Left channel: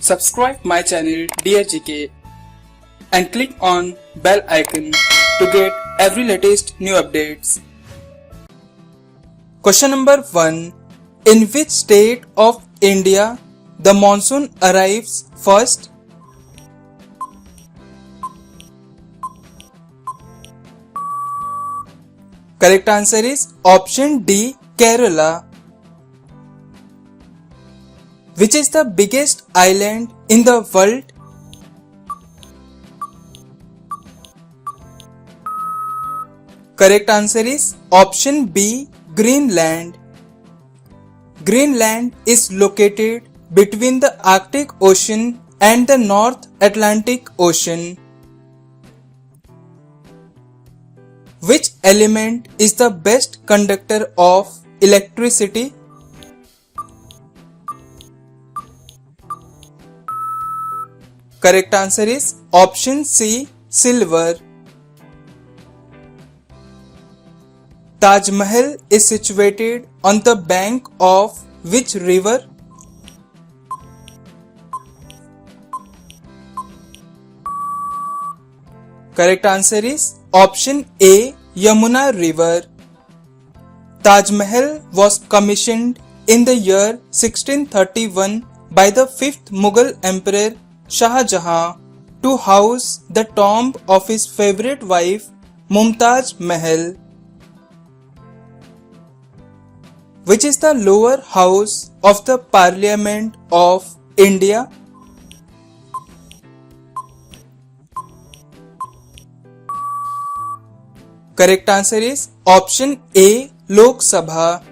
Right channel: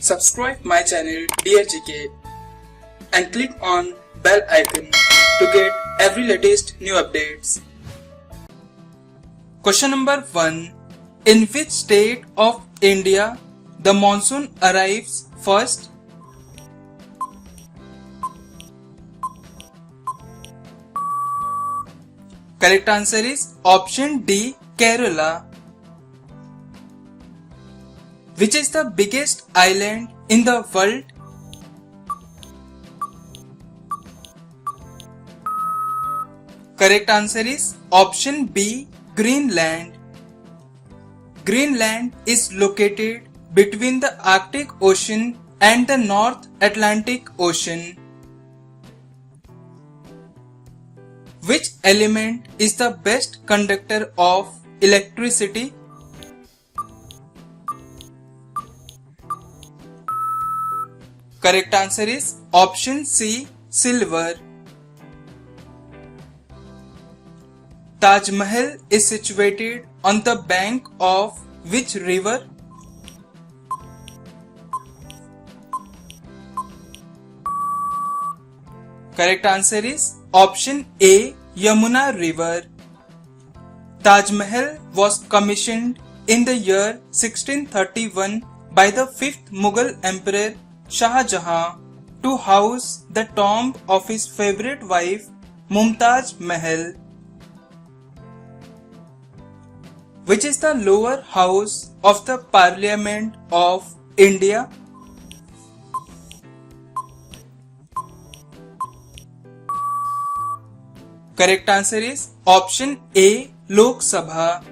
Subscribe my channel Dear GK and click on bell icon to get every latest new updates. Question number 1. In which state of India the monsoon arrives first? Correct answer is option D, Kerala. Which is the biggest island in the world? Correct answer is option B, Greenland. Greenland is located between the Arctic Ocean and the North Atlantic Ocean. Which element is the best conductor of electricity? Correct answer is option C, silver. Taj Mahal is situated on the bank of which river? Correct answer is option A, Yamuna river. Taj Mahal was commissioned in the year 1631 by the 5th Mughal Emperor Shah Jahan to house the tomb of his favorite wife Mumtaz Mahal. Which is the lower house of the Parliament of India? Correct answer is option A, Lok Sabha.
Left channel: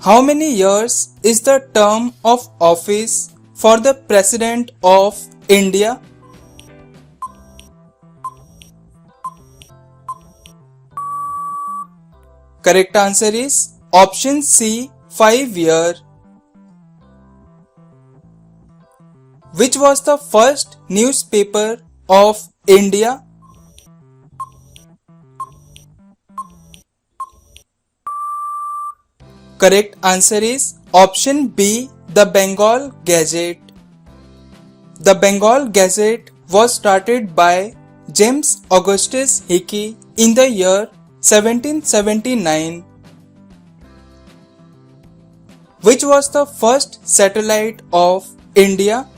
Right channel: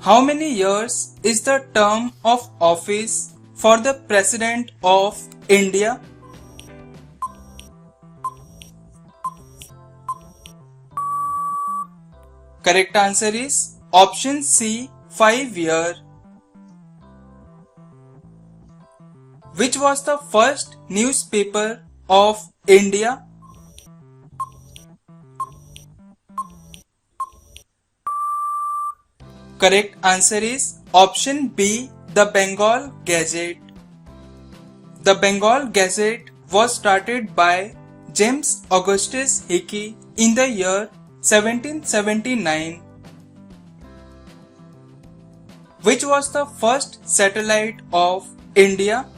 How many years is the term of office for the President of India? Correct answer is option C, 5 years. Which was the first newspaper of India? Correct answer is option B, the Bengal Gazette. The Bengal Gazette was started by James Augustus Hickey in the year 1779. Which was the first satellite of India?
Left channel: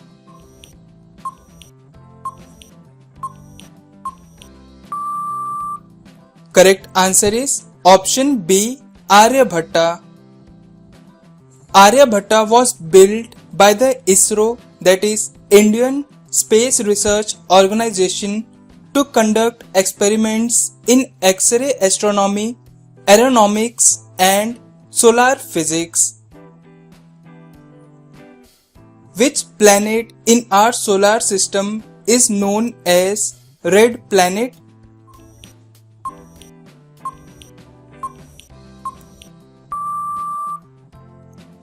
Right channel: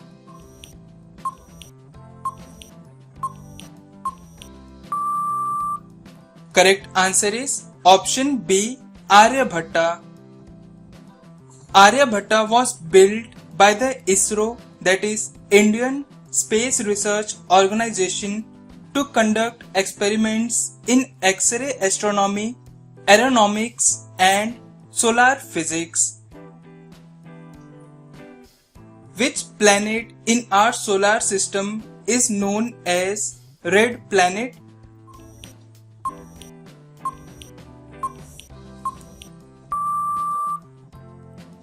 Correct answer is option B, Aryabhatta. Aryabhatta was built by the ISRO, that is Indian Space Research Organization, to conduct experiments in X-ray astronomy, aeronautics and solar physics. Which planet in our solar system is known as Red Planet?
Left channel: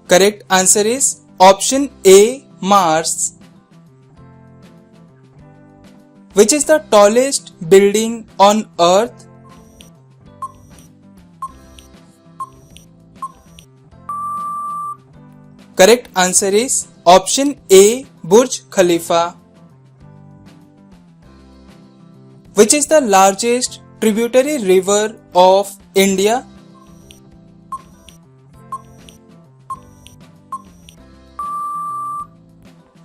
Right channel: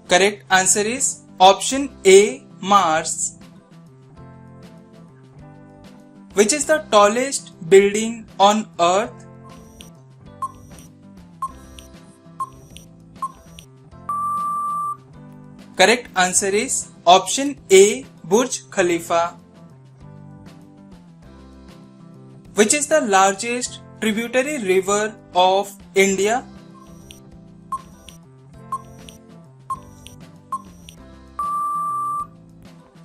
Correct answer is option A, Mars. Which is the tallest building on Earth? Correct answer is option A, Burj Khalifa. Which is the largest tributary river of India?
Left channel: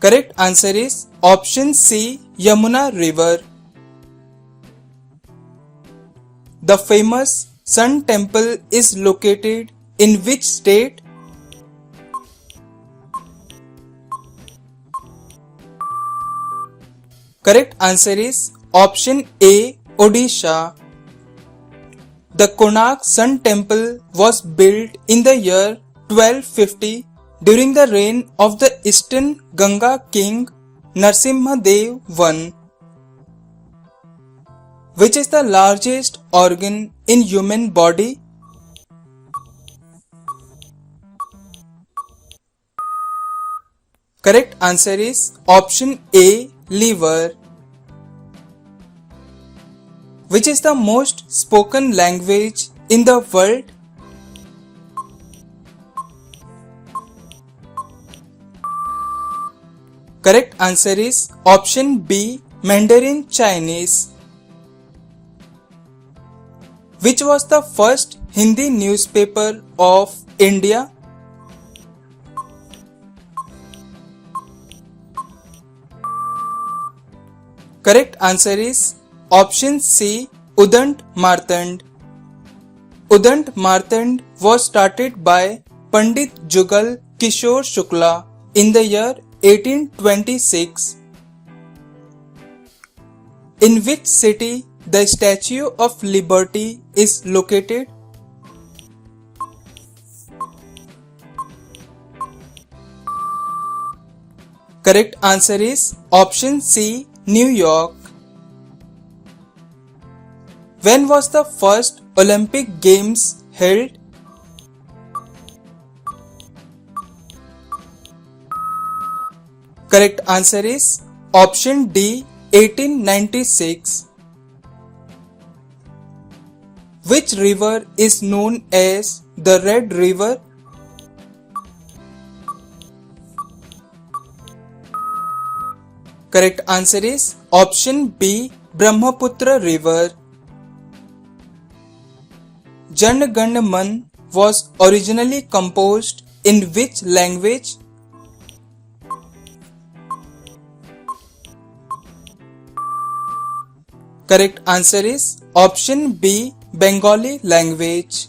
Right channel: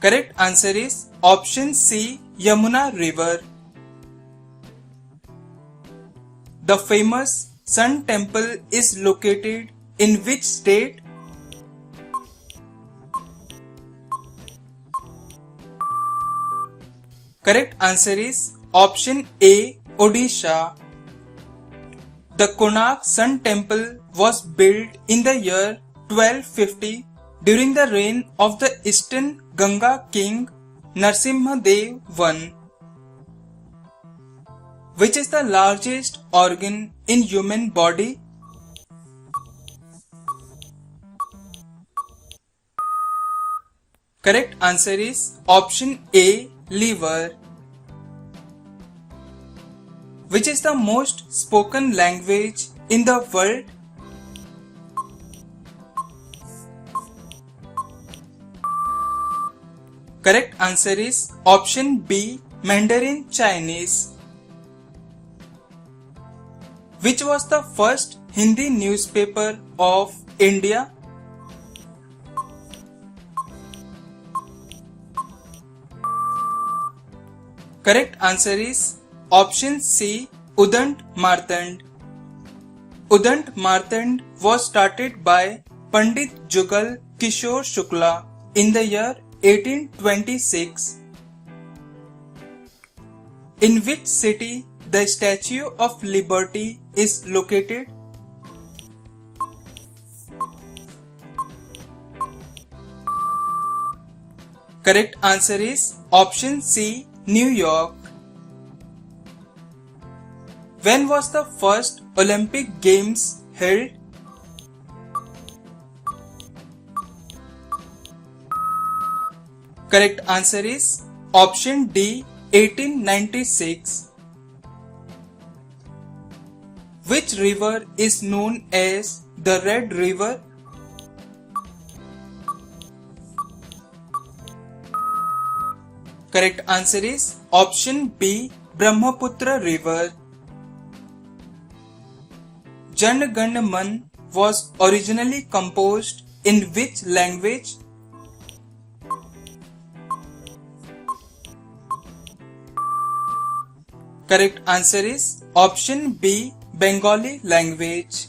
Correct answer is option C, Yamuna river. The famous Sun Temple is located in which state? Correct answer is option A, Odisha. The Konark Sun Temple was built in the year 1250 during the reign of the Eastern Ganga king Narsimha Dev I. Which is the largest organ in human body? Correct answer is option A, liver. Which is the most spoken language in the world? Correct answer is option B, Mandarin Chinese. Which was the first Hindi newspaper of India? Correct answer is option C, Udant Martand. Udant Martand was started by Pandit Jugal Kishore Shukla in the year 1826. In which city the Statue of Liberty is located? Correct answer is option C, New York. When was the first Olympic Games held? Correct answer is option D, 1896. Which river is known as the Red River? Correct answer is option B, Brahmaputra River. Jan Gan Man was originally composed in which language? Correct answer is option B, Bengali language.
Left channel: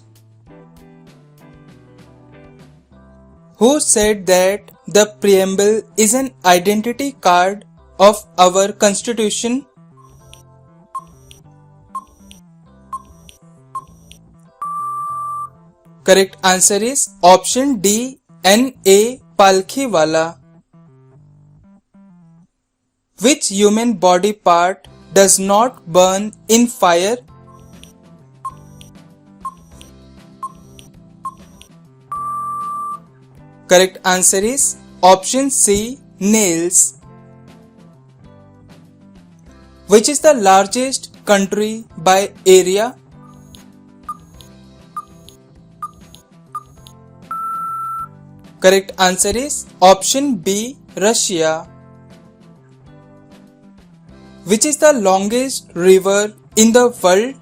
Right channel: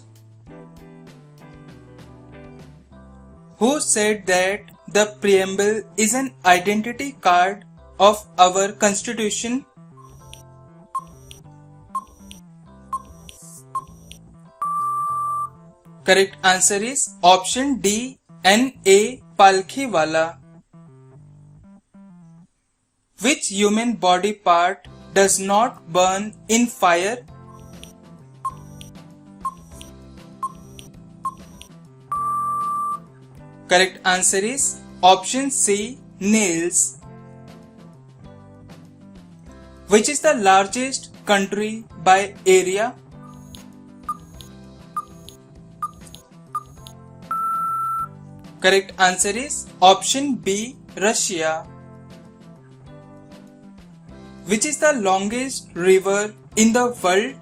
Who said that the preamble is an identity card of our constitution? Correct answer is option D, N.A. Palkhiwala. Which human body part does not burn in fire? Correct answer is option C, nails. Which is the largest country by area? Correct answer is option B, Russia. Which is the longest river in the world?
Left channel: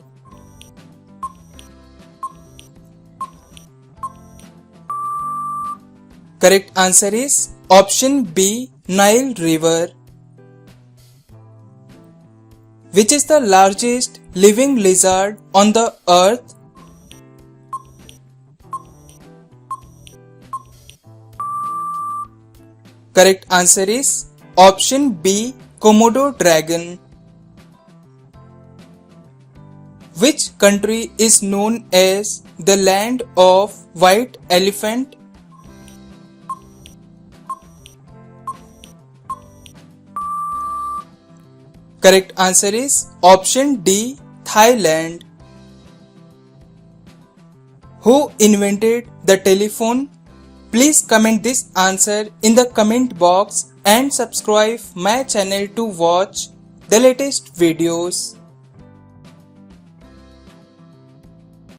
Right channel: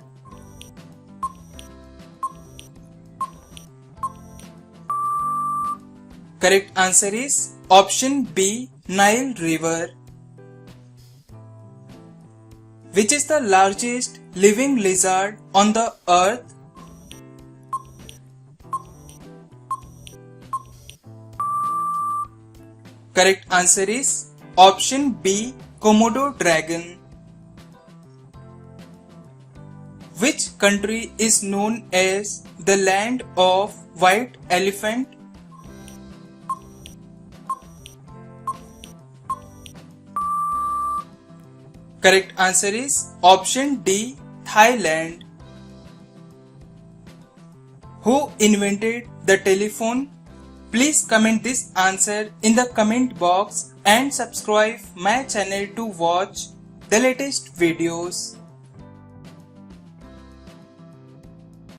Correct answer is option B, Nile River. Which is the largest living lizard on the earth? Correct answer is option B, Komodo dragon. Which country is known as the land of white elephant? Correct answer is option D, Thailand. Who invented the telephone? Please comment this answer in the comment box and subscribe my channel to watch the latest videos.